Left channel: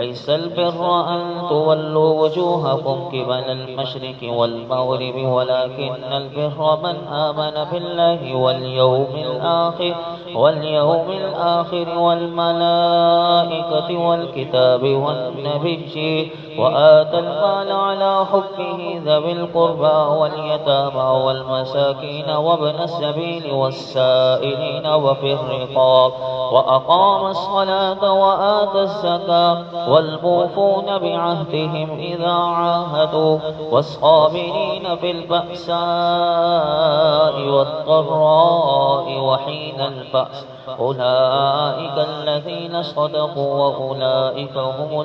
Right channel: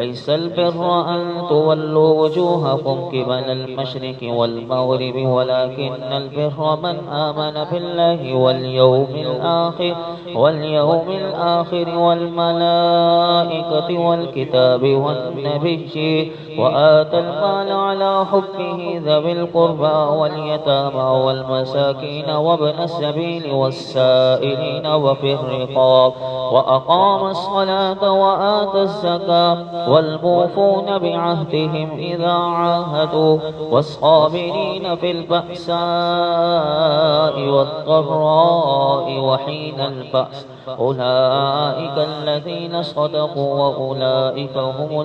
ليس البر أن تولوا وجوهكم قبل المشرق والمغرب ولكن البر من آمن بالله واليوم الآخر والملائكة والكتاب والنبي وآتى المال على حبه ذوي القربى واليتامى والمساكين وابن السبيل والسائلين وفي الرقاب وأقام الصلاة وآتى الزكاة والموفون بعهدهم إذا عاهدوا والصابرين في البأساء والضراء وحين البأس أولئك الذين صدقوا وأولئك هم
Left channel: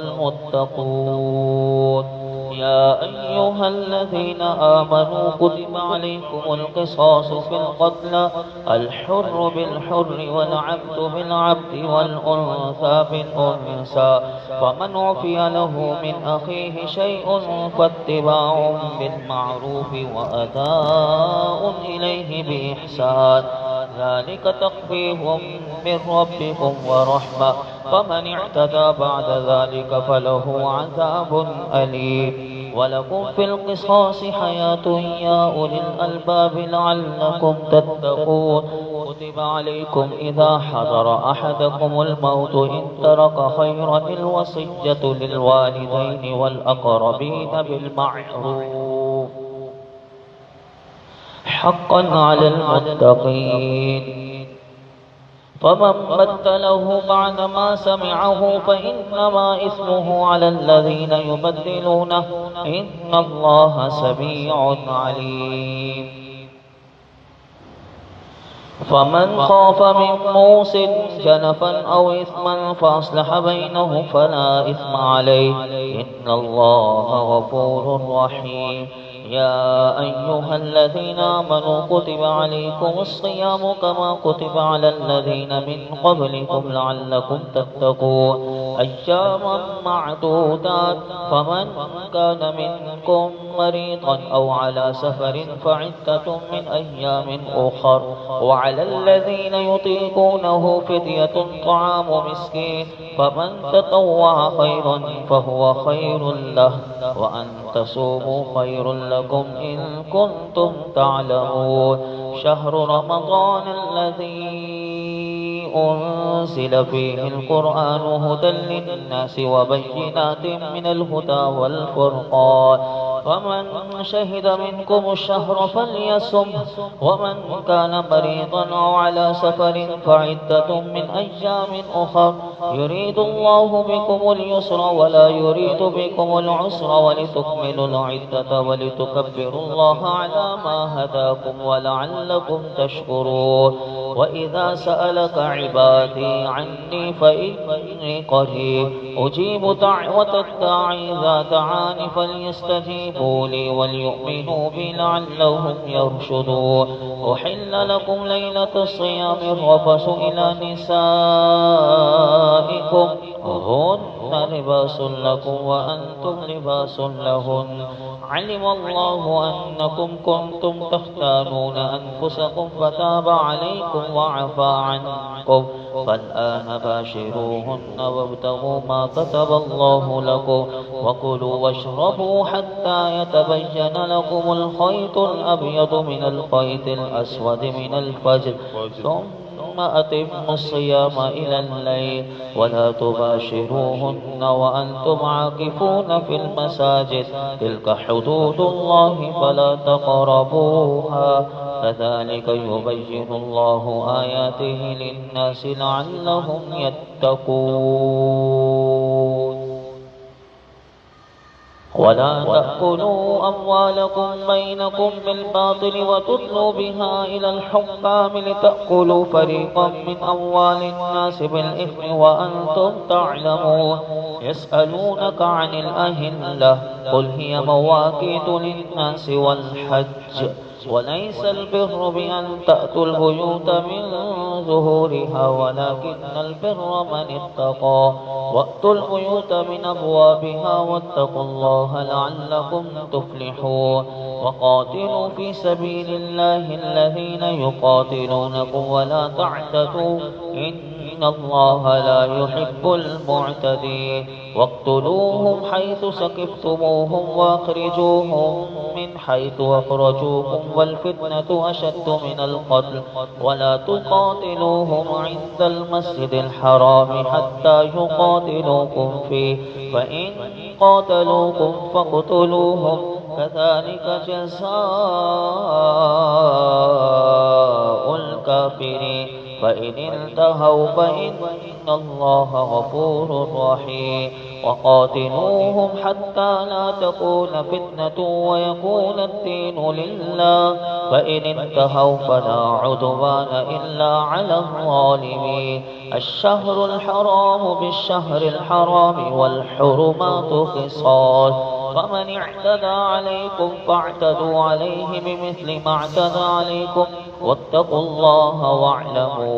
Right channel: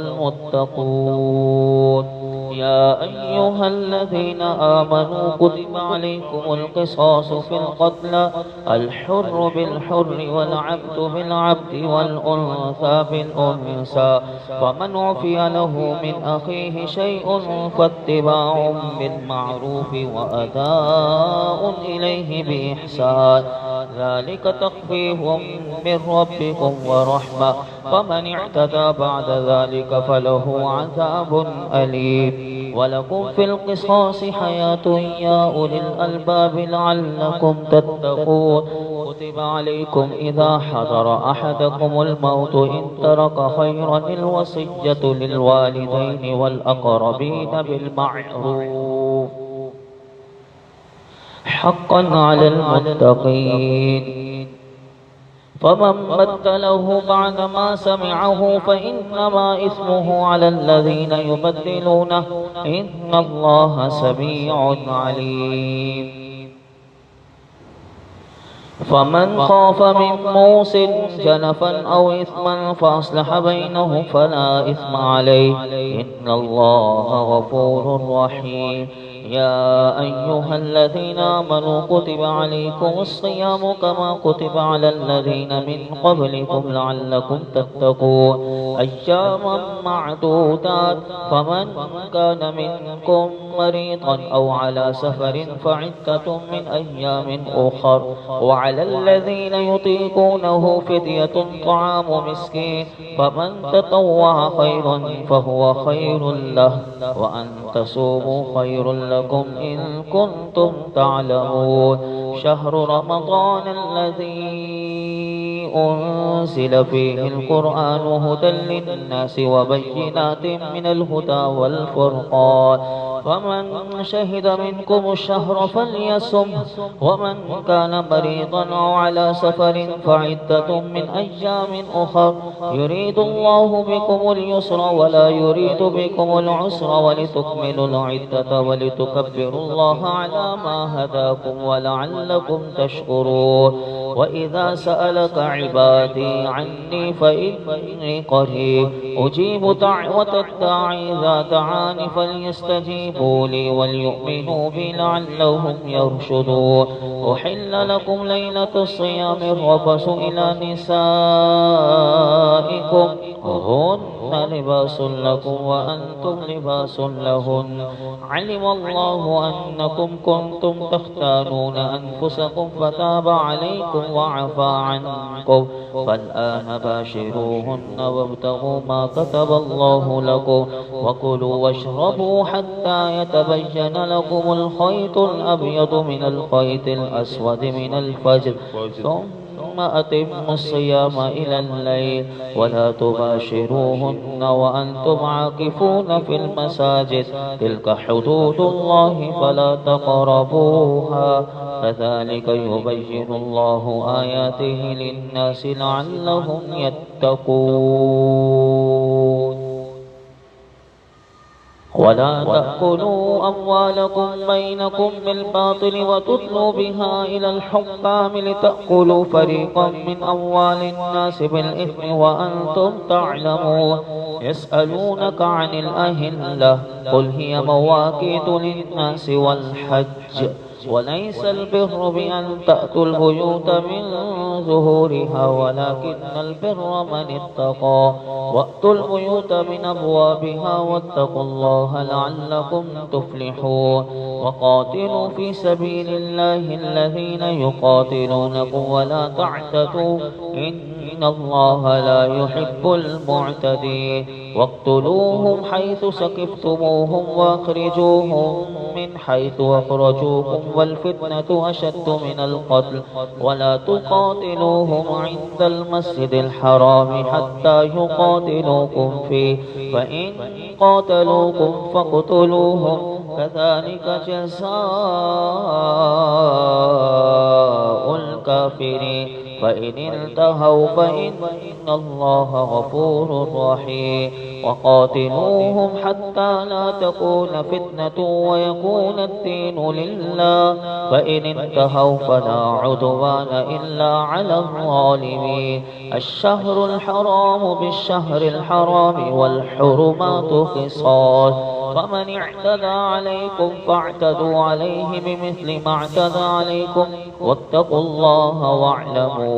المتقون. يا أيها الذين آمنوا كتب عليكم القصاص في القتلى الحر بالحر والعبد بالعبد والأنثى بالأنثى فمن عفي له من أخيه شيء فاتباع بالمعروف وأداء إليه بإحسان ذلك تخفيف من ربكم ورحمة فمن اعتدى بعد ذلك فله عذاب أليم. ولكم في القصاص حياة يا أولي الألباب لعلكم تتقون. كتب عليكم إذا حضر أحدكم الموت إن ترك خيرا الوصية للوالدين والأقربين بالمعروف حقا على المتقين فمن بدله بعدما سمعه فإنما إثمه على الذين يبدلونه إن الله سميع عليم. فمن خاف من موص جنفا أو إثما فأصلح بينهم فلا إثم عليه إن الله غفور رحيم. يا أيها الذين آمنوا كتب عليكم الصيام كما كتب على الذين من قبلكم لعلكم تتقون أياما معدودات فمن كان منكم مريضا أو على سفر فعدة من أيام أخر وعلى الذين يطيقونه فدية طعام مسكين فمن تطوع خيرا فهو خير له وأن تصوموا خير لكم إن كنتم تعلمون. شهر رمضان الذي أنزل فيه القرآن هدى للناس وبينات من الهدى والفرقان ومن شهد منكم الشهر فليصم ومن كان مريضا أو على سفر فعدة من أيام أخر يريد الله بكم اليسر ولا يريد بكم العسر ولتكملوا العدة ولتكبروا الله على ما هداكم ولعلكم تشكرون. وإذا سألك عبادي عني فإني قريب أجيب دعوة الداعي إذا دعاني فليستجيبوا لي وليؤمنوا بي لعلهم يرشدون. أحل لكم ليلة الصيام الرفث إلى نسائكم هن لباس لكم وأنتم لباس لهن علم الله أنكم كنتم تختانون أنفسكم فتاب عليكم وعفى عنكم فالآن باشروهن وابتغوا ما كتب الله لكم وكلوا واشربوا حتى يتبين لكم الخيط الأبيض من الخيط الأسود من الفجر ثم أتموا الصيام إلى الليل ولا تباشروهن وأنتم عاكفون في المساجد تلك حدود الله فلا تقربوها كذلك يبين الله آياته للناس لعلهم يتقون. ولا تأكلوا أموالكم بينكم بالباطل وتدلوا بها إلى الحكام لتأكلوا فريقا من أموال الناس بالإثم وأنتم تعلمون. يسألونك عن الأهلة قل هي مواقيت للناس والحج وليس البر بأن تأتوا البيوت من ظهورها ولكن البر من اتقى وأتوا البيوت من أبوابها واتقوا الله لعلكم تفلحون. وقاتلوا في سبيل الله الذين يقاتلونكم ولا تعتدوا إن الله لا يحب المعتدين واقتلوهم حيث سكفتموهم واخرجوهم من حيث أخرجوكم والفتنة أشد من القتل ولا تقاتلوهم عند المسجد الحرام حتى يقاتلوكم فيه فإن قاتلوكم فاقتلوهم كذلك جزاء الكافرين فإن انتهوا فإن الله غفور رحيم وقاتلوهم حتى لا تكون فتنة ويكون الدين لله فإن انتهوا فلا عدوان إلا على الظالمين الشهر الحرام بالشهر الحرام والحرمات قصاص فمن اعتدى عليكم فاعتدوا عليه بمثل ما اعتدى عليكم واتقوا الله واعلموا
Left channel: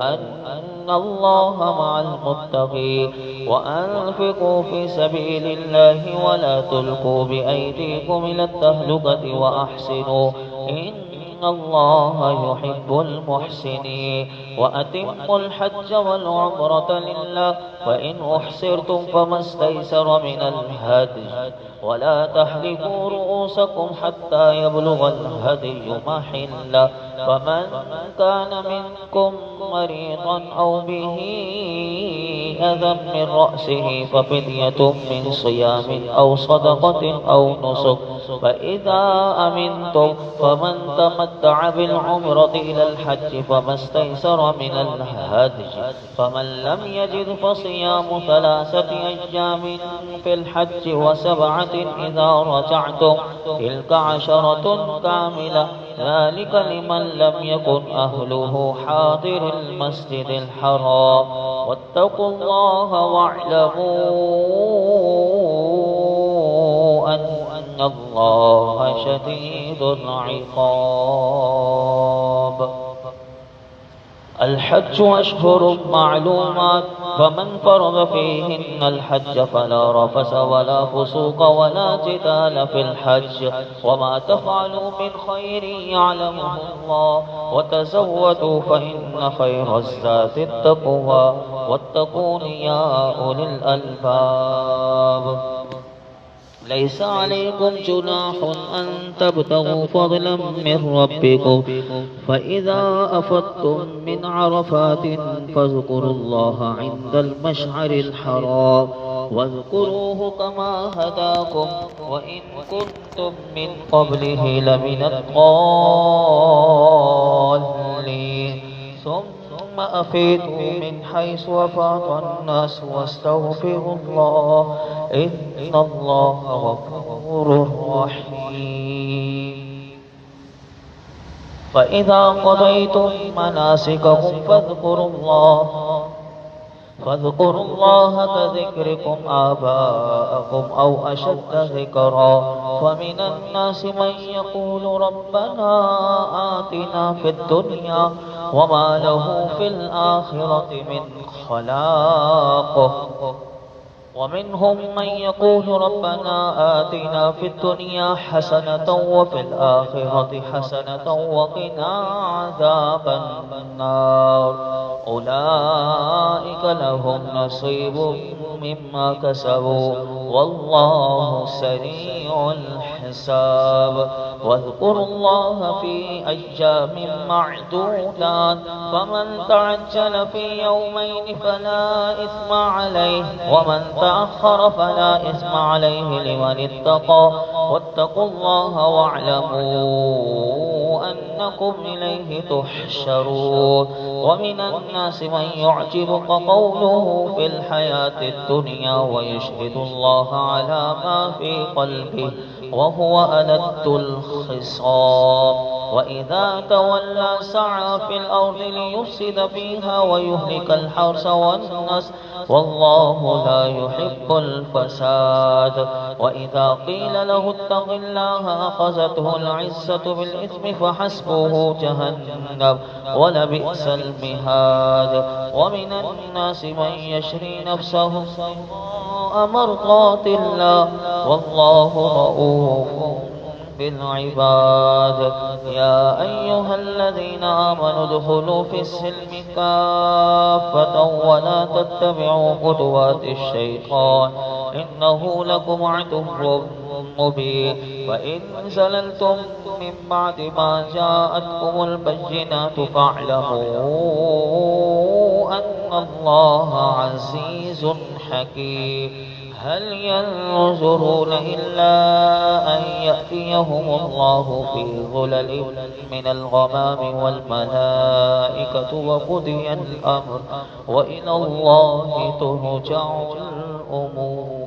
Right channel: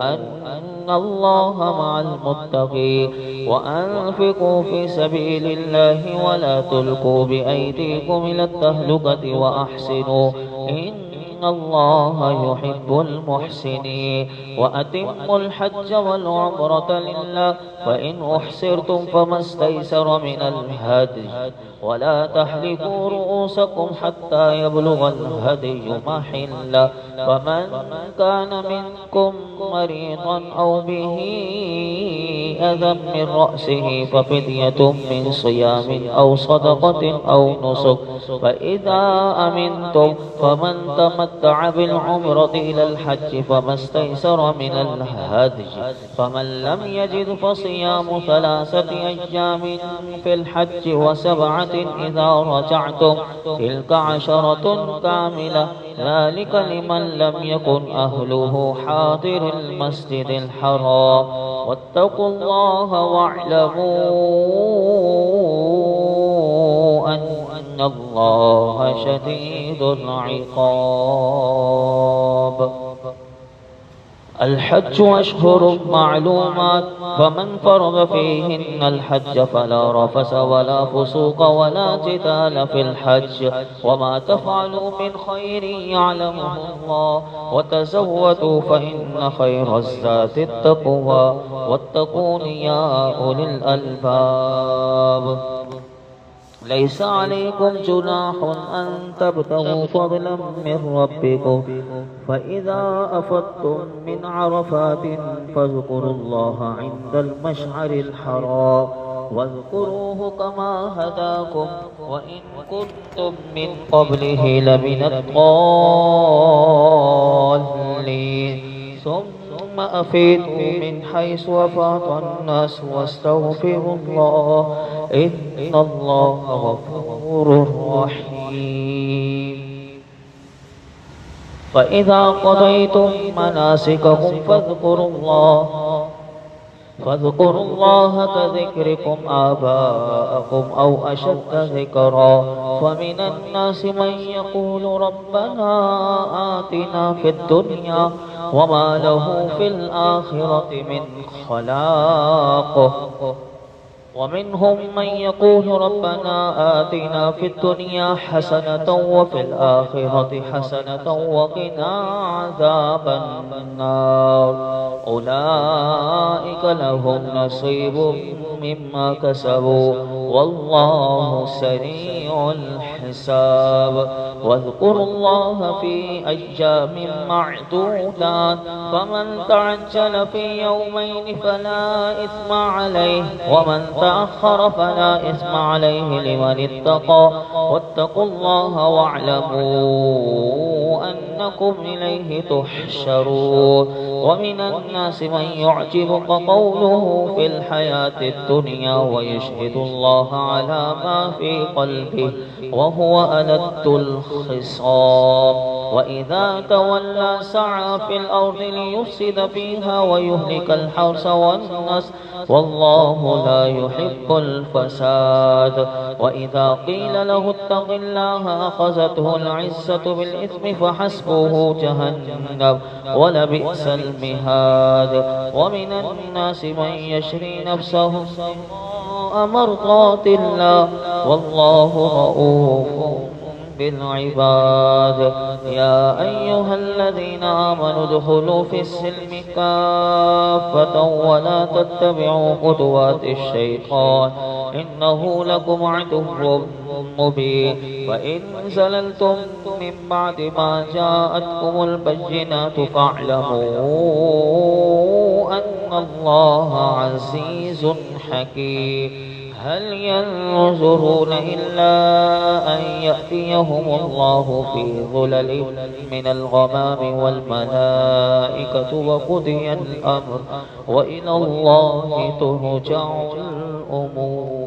أن الله مع المتقين وأنفقوا في سبيل الله ولا تلقوا بأيديكم إلى التهلكة وأحسنوا إن الله يحب المحسنين وأتموا الحج والعمرة لله فإن أحسرتم فما استيسر من الهدي ولا تحلقوا رؤوسكم حتى يبلغ الهدي محله فمن كان منكم مريضا أو به أذى من رأسه ففدية من صيام أو صدقة أو نسك فإذا أمنتم فمن تمتع بالعمرة إلى الحج فما استيسر من الهدي فمن لم يجد فصيام 3 أيام في الحج و7 إذا رجعتم تلك 10 كاملة ذلك لمن لم يكن أهله حاضر المسجد الحرام واتقوا الله واعلموا أن الله شديد العقاب الحج أشهر معلومات فمن فرض فيهن الحج فلا رفث ولا فسوق ولا جدال في الحج وما تفعلوا من خير يعلمه الله وتزودوا فإن خير الزاد التقوى واتقون يا أولي الألباب ليس عليكم جناح أن تبتغوا فضلا من ربكم فإذا أفضتم من عرفات فاذكروا الله عند المشعر الحرام واذكروه كما هداكم وإن كنتم من قبله لمن الضالين ثم أفيدوا من حيث أفاض الناس واستغفروا الله إن الله غفور رحيم فإذا قضيتم مناسككم فاذكروا الله كذكركم آباءكم أو أشد ذكرا فمن الناس من يقول ربنا آتنا في الدنيا وما له في الآخرة من خلاق ومنهم من يقول ربنا آتنا في الدنيا حسنة وفي الآخرة حسنة وقنا عذاب النار أولئك لهم نصيب مما كسبوا والله سريع الحساب واذكروا الله في أيام معدودات فمن تعجل في يومين فلا إثم عليه ومن تأخر فلا إثم عليه لمن اتقى واتقوا الله واعلموا أنكم إليه تحشرون ومن الناس من يعجبك قوله في الحياة الدنيا ويشهد الله على ما في قلبه وهو ألد الخصام وإذا تولى سعى في الأرض ليفسد فيها ويهلك الحرث والنسل والله لا يحب الفساد وإذا قيل له اتق الله أخذته العزة بالإثم فحسبه جهنم ولبئس المهاد ومن الناس من يشري نفسه ابتغاء مرضات الله والله رؤوف بالعباد. يا أيها الذين آمنوا ادخلوا في السلم كافة ولا تتبعوا خطوات الشيطان إنه لكم عدو مبين. وإن زللتم من بعد ما جاءتكم البينات فاعلموا أن الله عزيز حكيم. هل ينظرون إلا أن يأتيهم الله في ظلل من الغمام والملائكة وقضي الأمر وإلى الله ترجع الأمور.